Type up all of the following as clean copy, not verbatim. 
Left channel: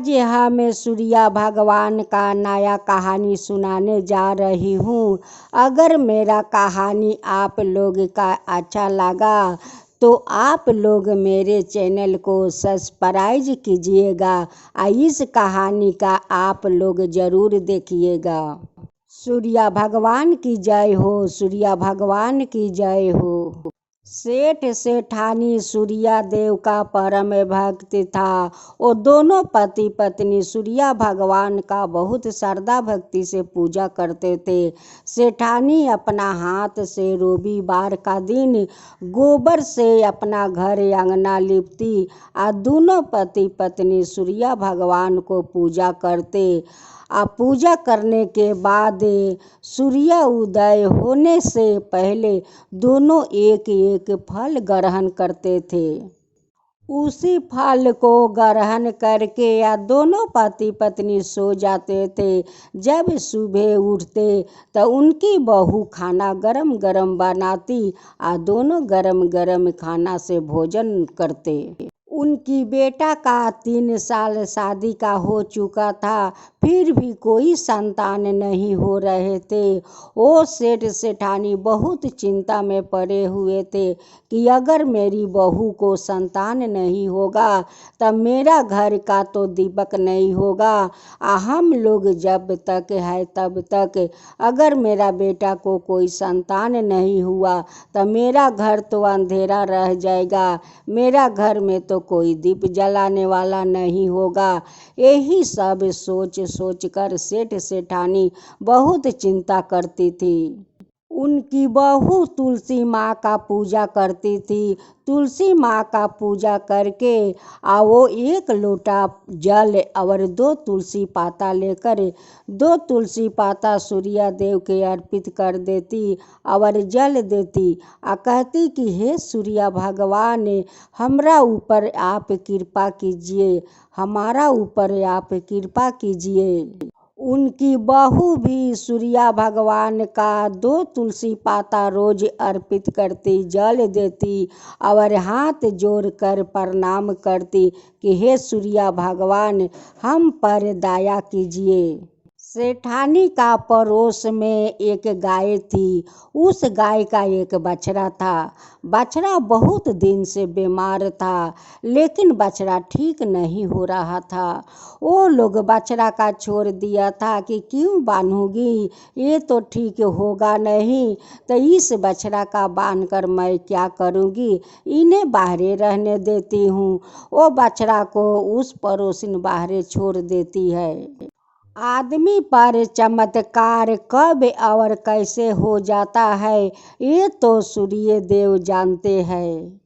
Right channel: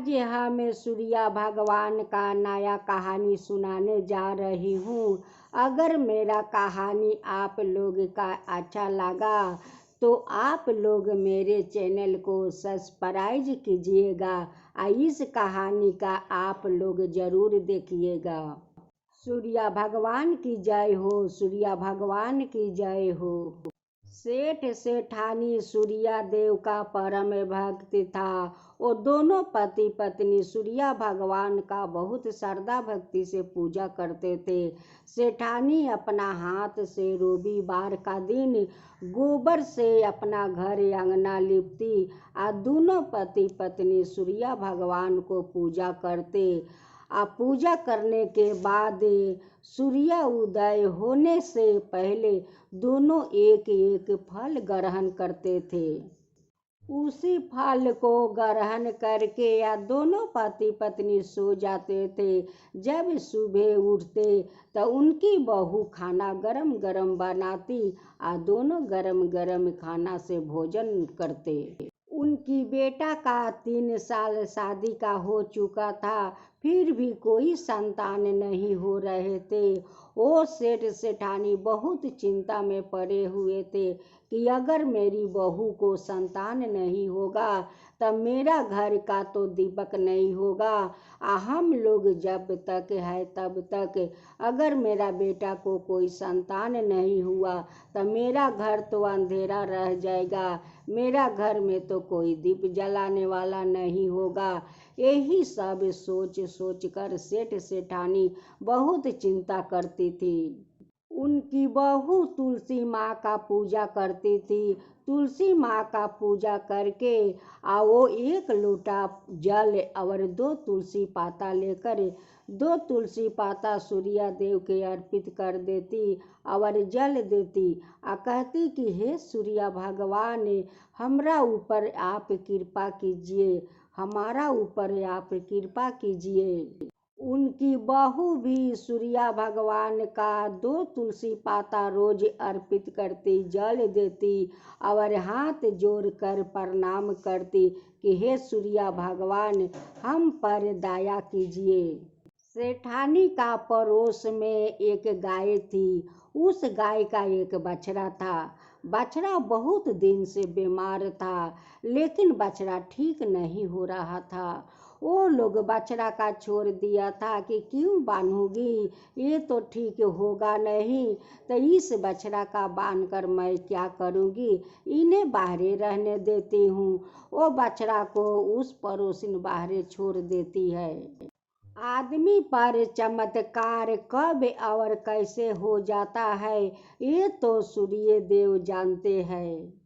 आज मैं सूर्या भगवान का नया कहानी सुनाने जा रही हूँ। अगर मेरा कहानी आप लोग का अच्छा लगा तो आप लोग मेरे चैनल को सब्सक्राइब कीजिएगा और इस कहानी का आप लोग ज़रूर देखिएगा। सूर्या भगवान की जय हो, सूर्या भगवान की जय हो। सेठ सेठानी सूर्या देव का परम भक्त था। वो दोनों पति पत्नी सूर्या भगवान का बहुत श्रद्धा भक्ति से पूजा करते थे। सेठानी अपना हाथ से रविवार का दिन गोबर से अपना घर आंगना लिपती और दोनों पति पत्नी सूर्या भगवान को पूजा करते। पूजा करने के बाद सूर्य उदय होने से पहले दोनों एक एक फल ग्रहण करते थे। उसी फल को ग्रहण करके या दोनों पति पत्नी सो जाते थे। जब सुबह उठते तो उनकी बहू खाना गरम गरम बनाती और दोनों गरम गरम खाना से भोजन करते। उनकी बेटा का 3 साल शादी का हो चुका था, फिर भी कोई संतान नहीं हो रहे थे। वो सेठ सेठानी बहुत चिंता में पड़े हुए थे कि अगर मेरी बहू को संतान नहीं होगा तब मेरा घर का तो दीपक नहीं होगा। हम लोग जब तक है तब तक अगर मेरा बेटा को कोई संतान नहीं हुआ तब मेरा घर तो अंधेरा रह जाएगा, मेरा घर में तो कोई दीप जलाने वाला नहीं होगा। यही सब सोच सोच कर सेठ सेठानी बहुत चिंता करती थी। उनकी बहू तुलसी माँ का पूजा करती थी। तुलसी माँ का पूजा करके वो 1 लोटा जल और 2 तुलसी पाता लेकर 2 तुलसी पाता सूर्य देव के अर्पित कर देती और जल देती और कहती कि हे सूर्य भगवान, हमरा ऊपर आप कृपा कीजिए, हमारा ऊपर आप कृपा कीजिए। उनकी बहू भी सूर्या भगवान का 2 तुलसी पाता रोज अर्पित करती, जल देती और हाथ जोड़कर प्रणाम करती कि हे सूर्या भगवान, हम पर दया कीजिए। सेठानी का पड़ोस में एक गाय थी। उस गाय का एक बछड़ा था। बछड़ा बहुत दिन से बीमार था, लेकिन बछड़ा ठीक नहीं हो रहा था। वो लोग बछड़ा का छोड़ दिया था कि क्यों बांधूंगी, ये तो ठीक होगा नहीं, तो इस बछड़ा का बांध कर मैं क्या करूंगी, इन्हें बाहरे रहने देती हूँ। वो बछड़ा को उस पड़ोसिन बाहरे छोड़ देती है। आदमी पर चमत्कार कब और कैसे हो जाता है ये तो सूर्य देव जानते हैं।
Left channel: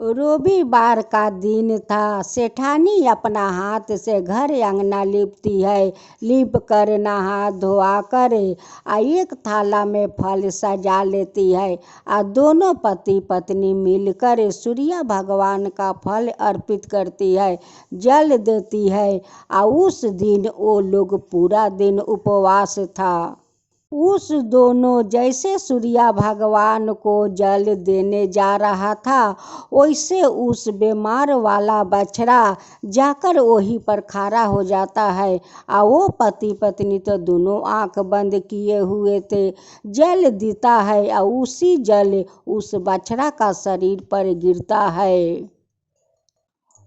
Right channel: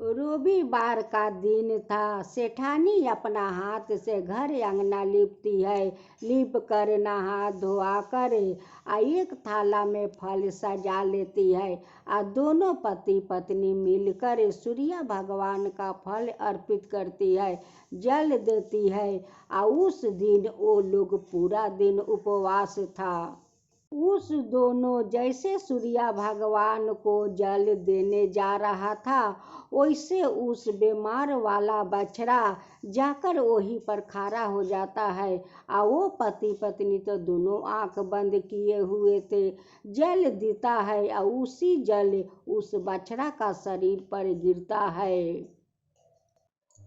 रविवार का दिन था। सेठानी अपना हाथ से घर आंगना लिपती है, लिप कर नहा धोआ कर एक थाला में फल सजा लेती है और दोनों पति पत्नी मिलकर सूर्य भगवान का फल अर्पित करती है, जल देती है और उस दिन वो लोग पूरा दिन उपवास था। उस दोनों जैसे सूर्या भगवान को जल देने जा रहा था, वैसे उस बीमार वाला बछड़ा जाकर वहीं पर खड़ा हो जाता है और वो पति पत्नी तो दोनों आंख बंद किए हुए थे। जल देता है और उसी जल उस बछड़ा का शरीर पर गिरता है।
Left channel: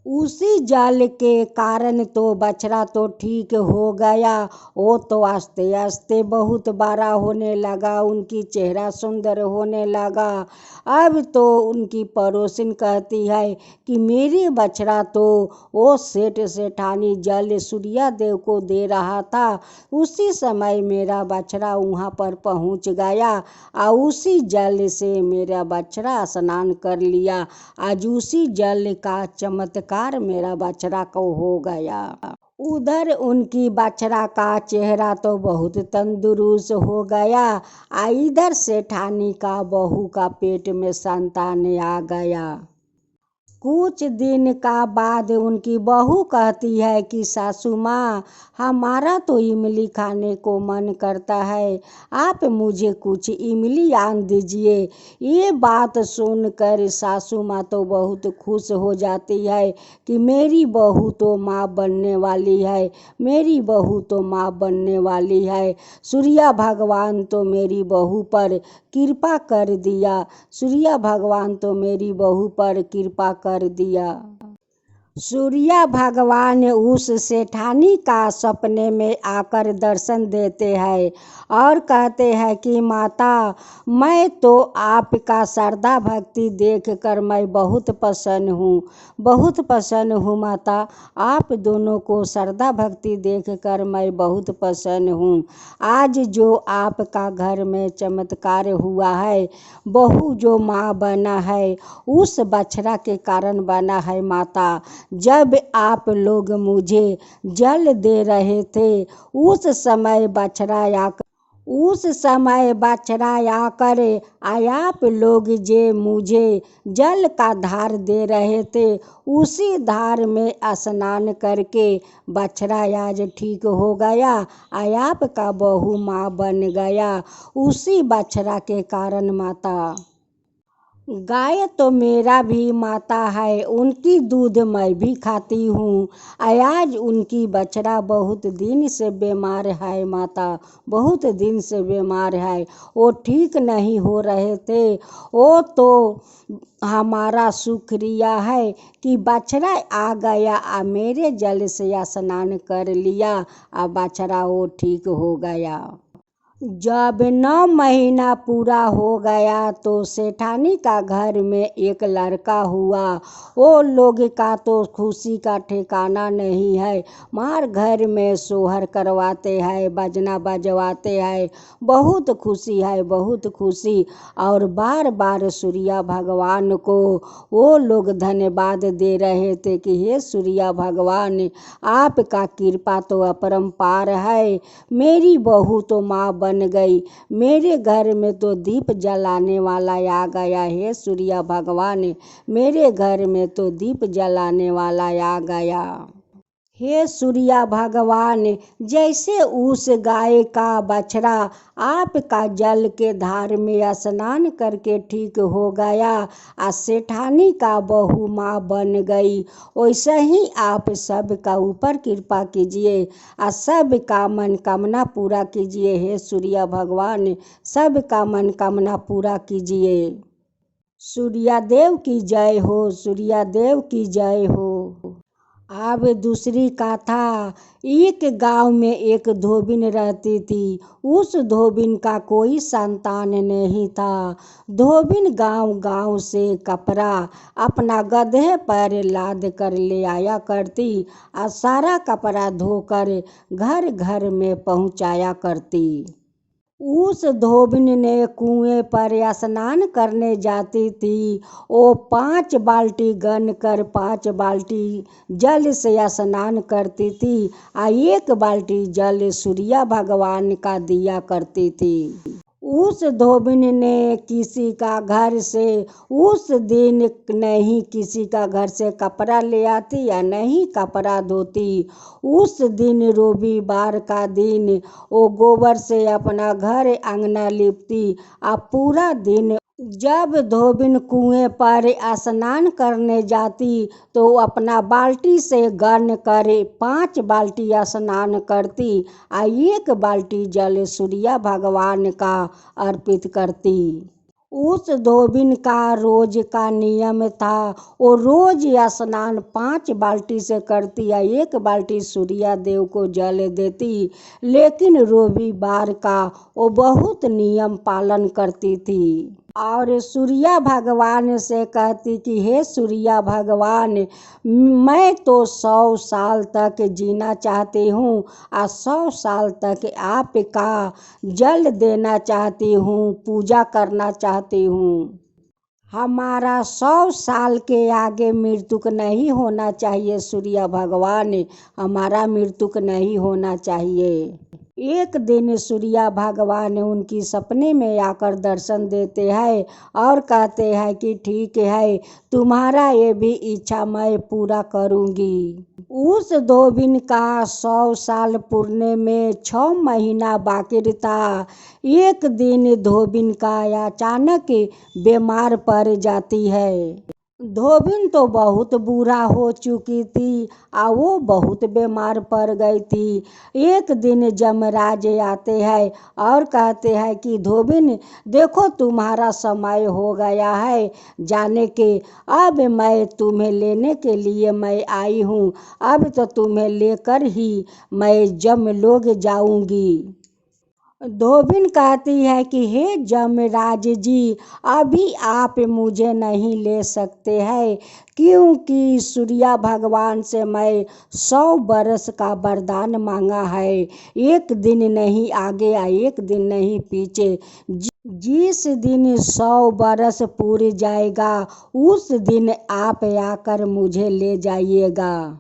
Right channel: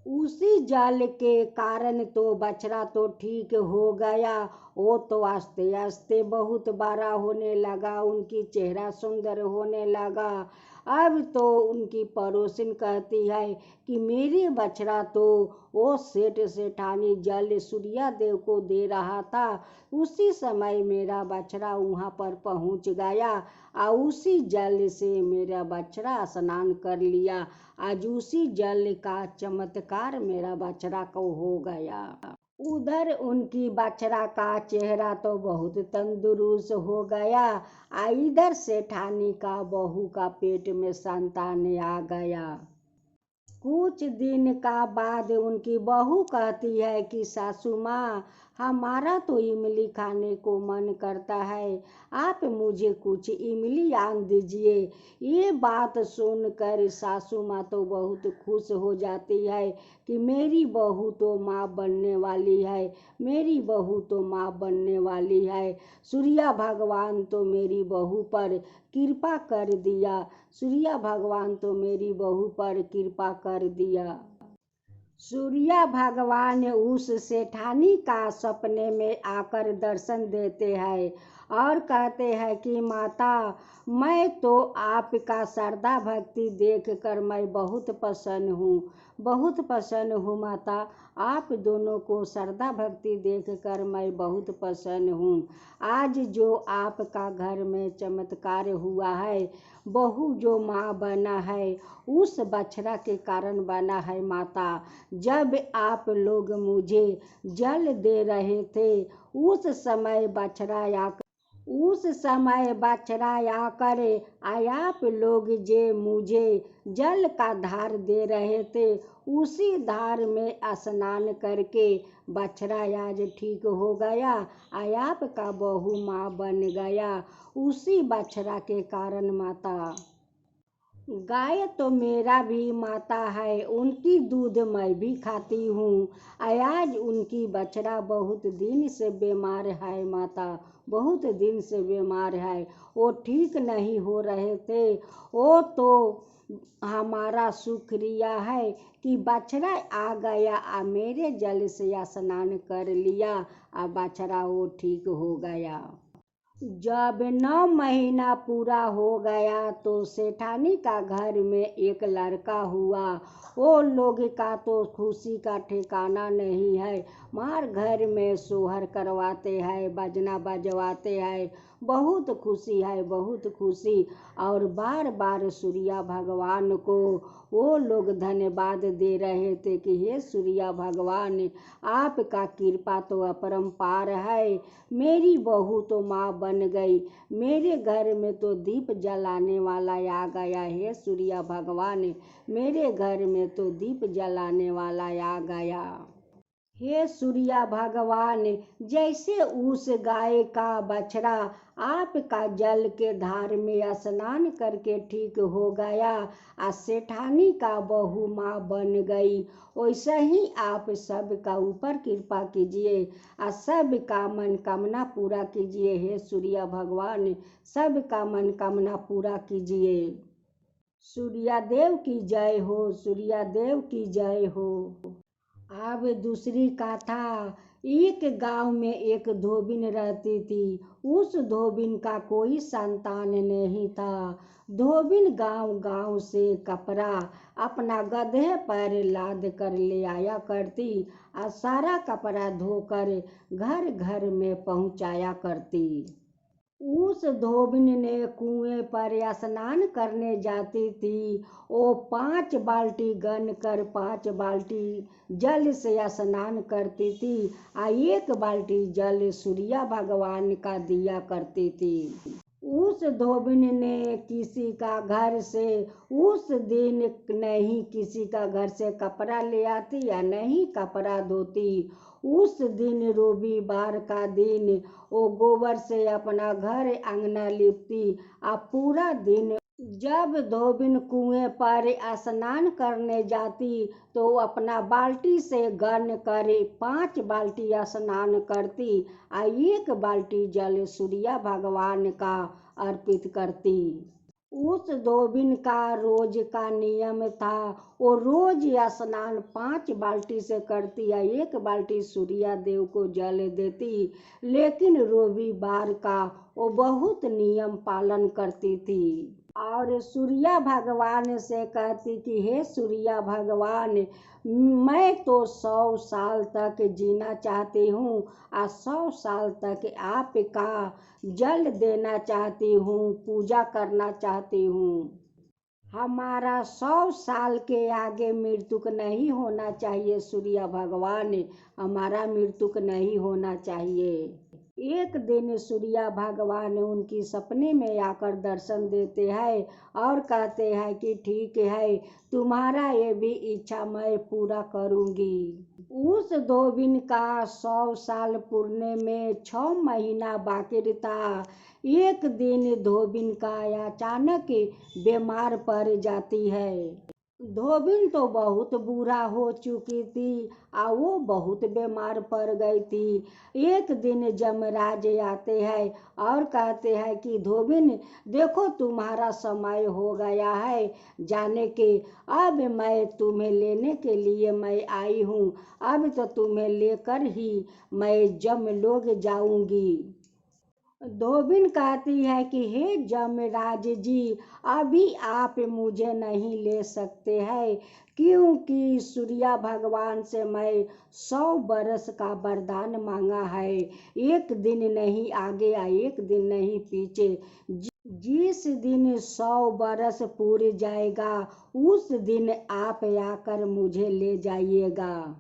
उसी जल के कारण तो बछड़ा तो ठीक हो गया। वो तो आस्ते आस्ते बहुत बड़ा होने लगा, उनकी चेहरा सुंदर होने लगा। अब तो उनकी पड़ोसिन कहती है कि मेरे बछड़ा तो वो सेठ सेठानी जल सूर्या देव को दे रहा था, उसी समय मेरा बछड़ा वहाँ पर पहुँच गया और उसी जल से मेरा बछड़ा स्नान कर लिया। आज उसी जल का चमत्कार मेरा बछड़ा को हो गया। उधर उनकी बछड़ा का चेहरा तो बहुत तंदुरुस्त हो गया। इधर सेठानी का बहू का पेट में संतान आ गया। कुछ दिन का बाद उनकी बहू कहती है कि सासू माँ, हमारा तो इमली खाने को मन करता है, आप मुझे कुछ इमली आन दीजिए। ये बात सुनकर सासू माँ तो बहुत खुश हो जाती है कि मेरी बहू तो माँ बनने वाली है, मेरी बहू तो माँ बनने वाली है। सूर्य भगवान तो मेरी बहू पर कृपा कर दिया, सूर्य भगवान तो मेरी बहू पर कृपा कर दिया। सूर्य भगवान उस सेठानी का सपने में आकर दर्शन देते हैं और कहते हैं कि माता, मैं तो आपका श्रद्धा भक्ति देखकर मैं बहुत प्रसन्न हूँ, बहुत प्रसन्न हूँ माता, आप दोनों को श्रद्धा भक्ति देखकर मैं बहुत प्रसन्न हूँ। आज जो आपका घर में चमत्कार हुआ है, बहू जो माँ बना है, उस बछड़ा के कारण बना है माता। जब आप लोग मुझे जल दे रहे थे, उस समय बछड़ा आकर आप लोग जे मुझे जल का धार दे रहे थे, उसी धार में स्नान करके बछड़ा आज ठीक हो गया, आपका बहू माँ बन गया, उसी बछड़ा के कारण माता। गाय तो मेरा भी माता है, उनकी दूध मैं भी खाती हूँ। आज उनकी बछड़ा बहुत दिन से बीमार है माता, बहुत दिन से बीमार है, वो ठीक नहीं हो रहे थे। वो तो हमारा शुक्रिया है कि बछड़ा आ गया, मेरे जल से स्नान कर लिया, बछड़ा वो ठीक हो गया। जब 9 महीना पूरा हो गया तो सेठानी का घर में एक लड़का हुआ। वो लोग का तो खुशी का ठिकाना नहीं है, मार घर में सोहर करवाते हैं, बजना बजवाते हैं, बहुत खुशी है, बहुत खुशी। और बार बार सूर्य भगवान को वो लोग धन्यवाद दे रहे थे कि हे सूर्य भगवान, आपका कृपा तो अपरंपार है, मेरी बहू तो माँ बन गई, मेरे घर में तो दीप जलाने वाला आ गया, हे सूर्य भगवान, मेरे घर में तो दीप जलाने वाला आ गया। हे सूर्य भगवान, जैसे उस गाय का बछड़ा आपका जल के धार में स्नान करके ठीक हो गया, सेठानी का बहू माँ बन गई, वैसे ही आप सबका ऊपर कृपा कीजिए, सबका मनोकामना पूरा कीजिए, हे सूर्य भगवान, सबका मनोकामना पूरा कीजिए। सूर्यदेव की जय हो, सूर्यदेव की जय हो। अब दूसरी कथा। एक गांव में एक धोबिन रहती थी, उस धोबिन का कोई संतान नहीं था। धोबिन गांव गांव से कपड़ा अपना गधे पर लाद कर ले आया करती, और सारा कपड़ा धोकर घर घर में पहुंचाया करती। उस धोबिन ने कुएं पर स्नान करने जाती थी, वो 5 बाल्टी गन कर 5 बाल्टी जल से स्नान करती थी, एक बाल्टी जल सूर्य भगवान का दिया करती थी। उस धोबिन ने किसी का घर से उस दिन नहीं किसी का घर से कपड़ा ले आती या नहीं कपड़ा धोती। उस दिन रविवार का दिन वो गोबर से अपना घर आंगना लिपती, पूरा दिन। जब धोबिन कुएं पर स्नान करने जाती तो अपना बाल्टी से गन करे 5 बाल्टी स्नान करती, एक बाल्टी जल सूर्य भगवान का अर्पित करती। उस धोबिन का रोज का नियम था, वो रोज स्नान 5 बाल्टी से करती, एक बाल्टी सूर्य देव को जल देती, लेकिन रविवार का वो बहुत नियम पालन करती थी। और सूर्य भगवान से कहती कि हे सूर्य भगवान, मैं तो 100 साल तक जीना चाहती हूँ, 100 साल तक आपका जल देना चाहती हूँ, पूजा करना चाहती हूँ। हमारा 100 साल के आगे मृत्युक नहीं होना चाहिए सूर्य भगवान, हमारा मृत्युक नहीं होना चाहिए। एक दिन सूर्या भगवान उनकी सपने में आकर दर्शन देते हैं और कहते हैं कि ठीक है, तुम्हारा ये भी इच्छा मैं पूरा करूंगी। उस धोबिन का 100 साल पूरने में 6 महीना बाकी था। एक दिन धोबिन का अचानक बीमार पड़ जाती है। धोबिन तो बहुत बूढ़ा हो चुकी थी और वो बहुत बीमार पड़ गई थी। एक दिन यमराज आते हैं और कहते हैं कि धोबिन, देखो तुम्हारा समय हो गया है जाने के। अब मैं तुम्हें लेने के लिए मैं आई हूँ। अब तो तुम्हें लेकर ही मैं यमलोक जाऊंगी। धोबिन कहती है कि हे यमराज जी, अभी आप मुझे नहीं ले सकते हैं, क्योंकि सूर्या भगवान से मैं 100 बरस का वरदान मांगा है। एक दिन नहीं आगे या एक दिन नहीं पीछे, जिस दिन 100 बरस पूरी जाएगा उस दिन आप आकर मुझे ले जाइएगा।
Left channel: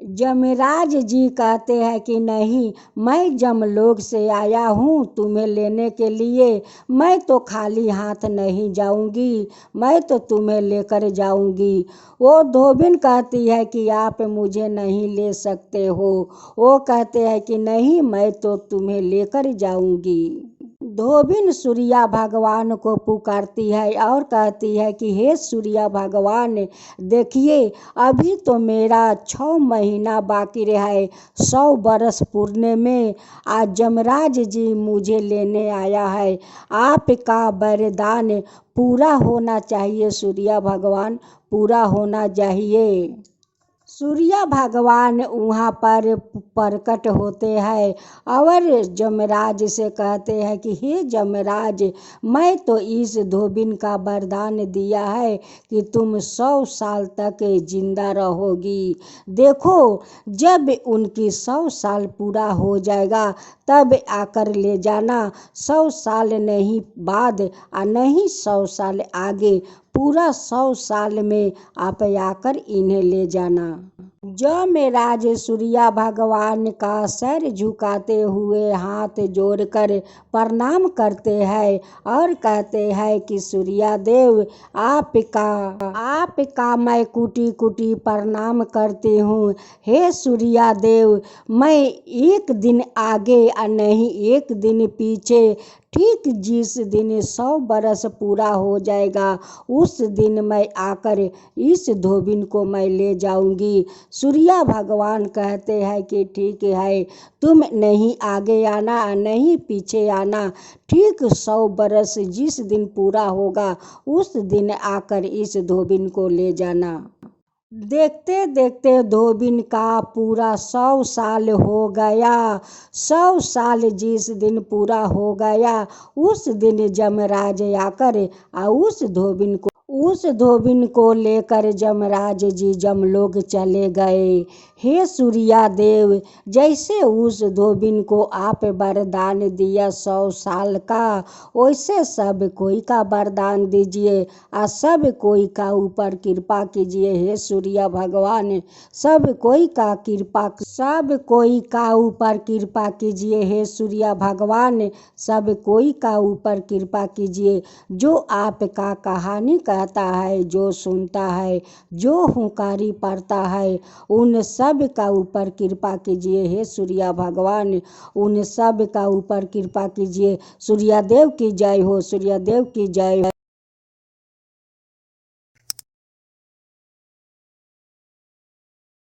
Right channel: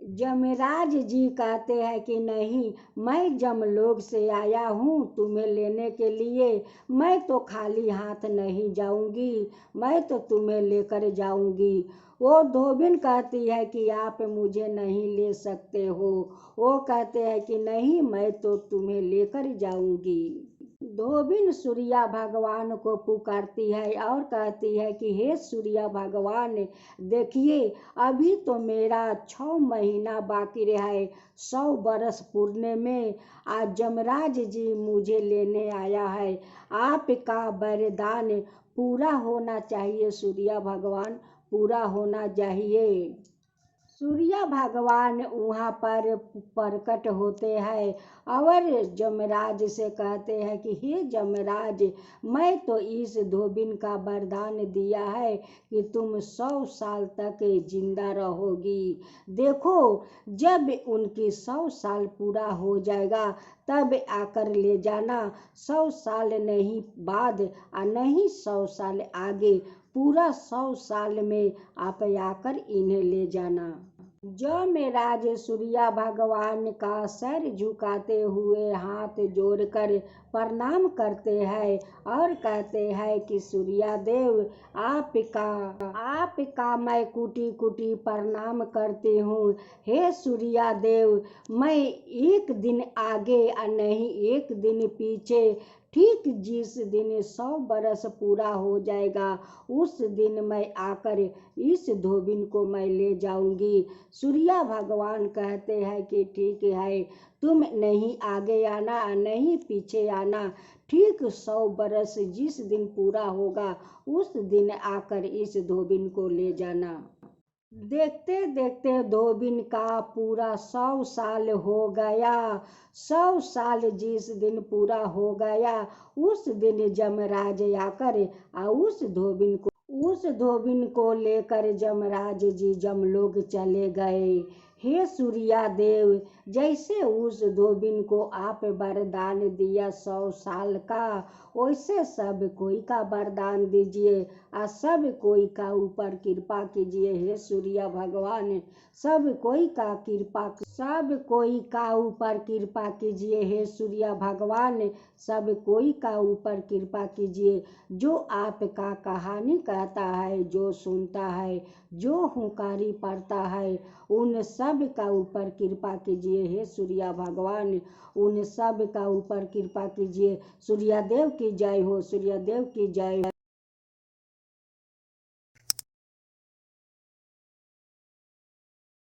यमराज जी कहते हैं कि नहीं, मैं यमलोक से आया हूँ तुम्हें लेने के लिए। मैं तो खाली हाथ नहीं जाऊंगी, मैं तो तुम्हें लेकर जाऊंगी। वो धोबिन कहती है कि आप मुझे नहीं ले सकते हो। वो कहते हैं कि नहीं, मैं तो तुम्हें लेकर जाऊंगी। धोबिन सूर्या भगवान को पुकारती है और कहती है कि हे सूर्या भगवान, देखिए अभी तो मेरा 6 महीना बाकी रहा है 100 बरस पूरने में। आज यमराज जी मुझे लेने आया है। आपका वरदान पूरा होना चाहिए सूर्या भगवान, पूरा होना चाहिए। सूर्या भगवान वहाँ पर प्रकट होते हैं और यमराज से कहते हैं कि हे यमराज, मैं तो इस धोबिन का वरदान दिया है कि तुम 100 साल तक जिंदा रहोगी। देखो, जब उनकी 100 साल पूरा हो जाएगा तब आकर ले जाना। 100 साल नहीं बाद और नहीं 100 साल आगे, पूरा 100 साल में आप आकर इन्हें ले जाना। यमराज सूर्या भगवान का सर झुकाते हुए हाथ जोड़कर प्रणाम करते हैं और कहते हैं कि सूर्या देव, आपका मैं कुटी कुटी प्रणाम करती हूँ। हे सूर्या देव, मैं एक दिन आगे और नहीं एक दिन पीछे, ठीक जिस दिन 100 बरस पूरा हो जाएगा उस दिन मैं आकर इस धोबिन को मैं ले जाऊंगी। सूर्या भगवान कहते हैं कि ठीक है, तुम नहीं आगे आना नहीं पीछे आना, ठीक 100 बरस जिस दिन पूरा होगा उस दिन आकर इस धोबिन को ले जाना। देखते देखते धोबिन का पूरा 100 साल हो गया। 100 साल जिस दिन पूरा हो गया उस दिन यमराज आकर उस धोबिन को लेकर यमराज जी यमलोक चले गए। हे सूर्या देव, जैसे उस धोबिन को आप वरदान दिया 100 साल का, वैसे सब कोई का वरदान दीजिए और सब कोई का ऊपर कृपा कीजिए। हे सूर्या भगवान, सब कोई का ऊपर कृपा कीजिए। हे सूर्या भगवान, सब कोई का ऊपर कृपा कीजिए। जो आपका कहानी कहता है, जो सुनता है, जो हुंकारी पड़ता है, उन सब का ऊपर कृपा कीजिए। हे सूर्या भगवान, उन सब का ऊपर कृपा कीजिए। सूर्या देव की जय हो, सूर्या देव की जय।